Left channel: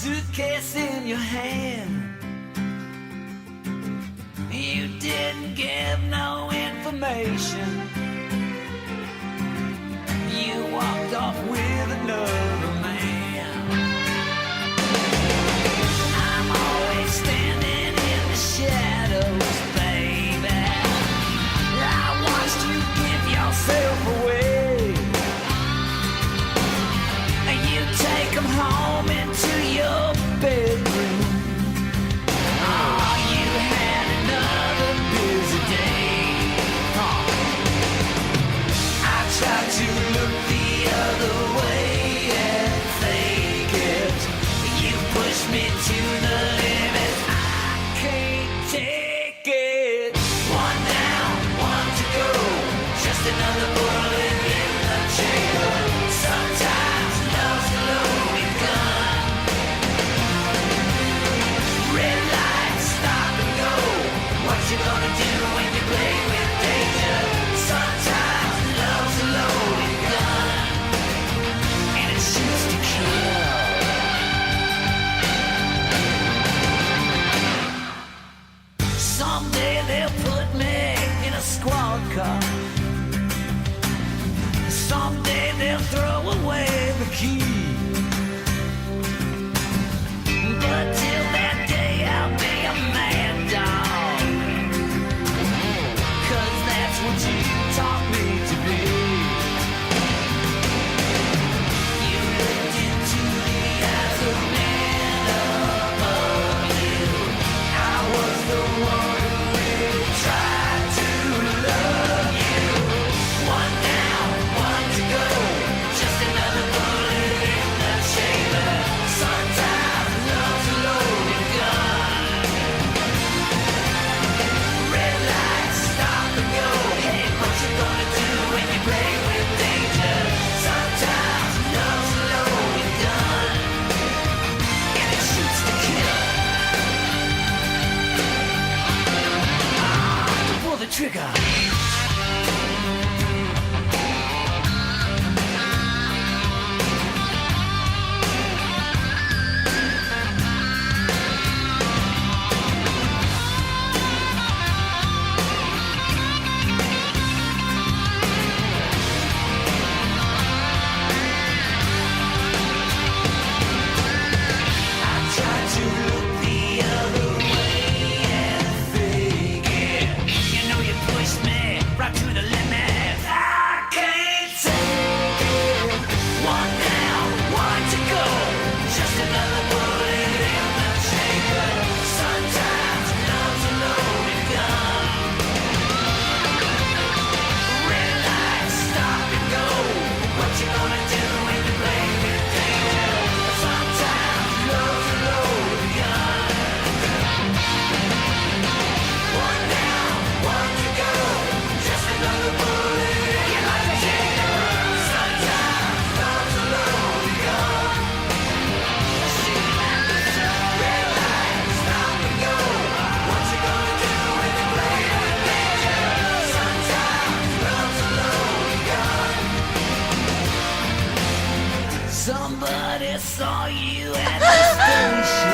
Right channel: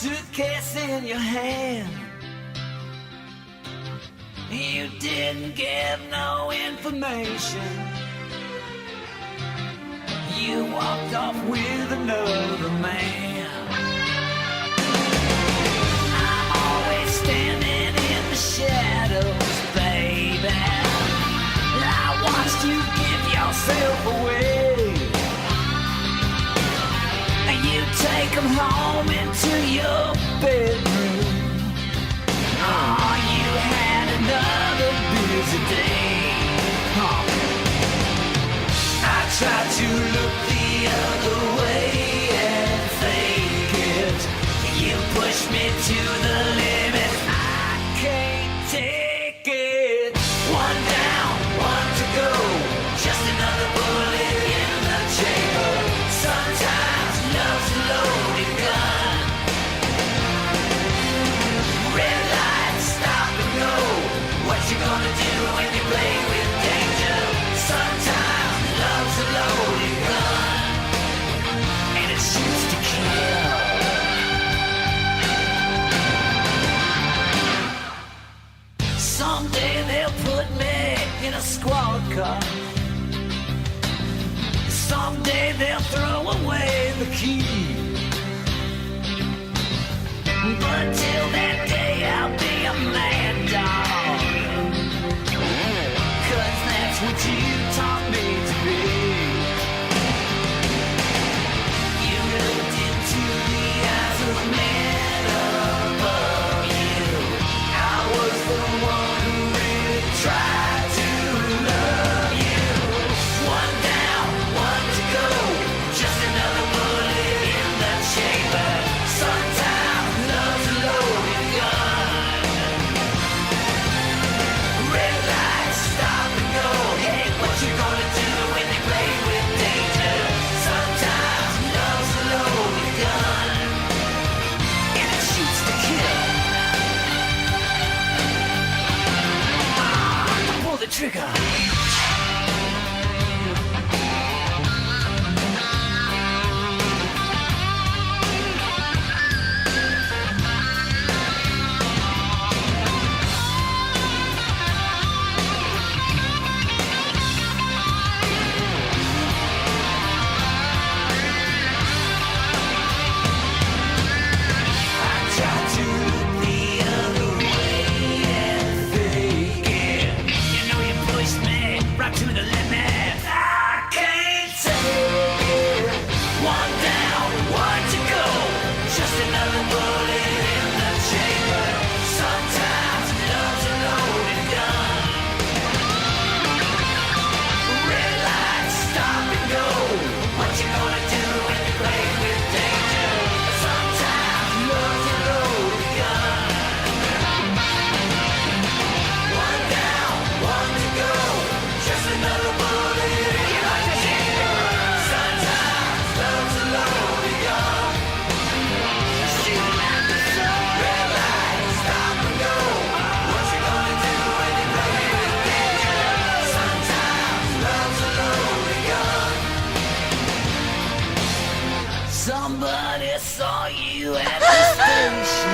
suitcase in your hand. You didn't give no information. You walked off with another man. I'm always standing in the shadows, baby. I watched you give yourself away. You take them home into your bedroom. Oh, you had another busy day. I tried to look the other way and fake it. You pushed me to the limit. I can't take it. One down, one to go. Just another bullet in the chamber. Sometimes love's a loaded gun. Red lights, stop and go. What you gonna do when you play with danger? Sometimes love's a loaded gun, and it shoots to kill. Someday they'll put me in a squad car. Someday they'll throw away the key. But till that day I'll be a mad dog. 'Cause that's what you taught me to be. You looked into the eyes of man above you. I was the one who really tried to love you. One down, one to go. Just another bullet in the chamber. Sometimes love's a loaded gun. Red lights, stop and go. Hey, what you gonna do when you play with danger? Sometimes love's a loaded gun, and it shoots to kill. Pull the trigger. Right to the limit. I can't take it. One down, one to go. Just another bullet in the chamber. Sometimes love's a loaded gun. Red lights, stop and go. What you gonna do when you play with danger? Sometimes love's a loaded gun. One down, one to go. Just another bullet. You like to hit and run. Sometimes love's a loaded gun. Shoot at the sun. Red lights, stop and go. What you gonna do when you play with danger? Sometimes love's a loaded gun. Somebody saw you at the station.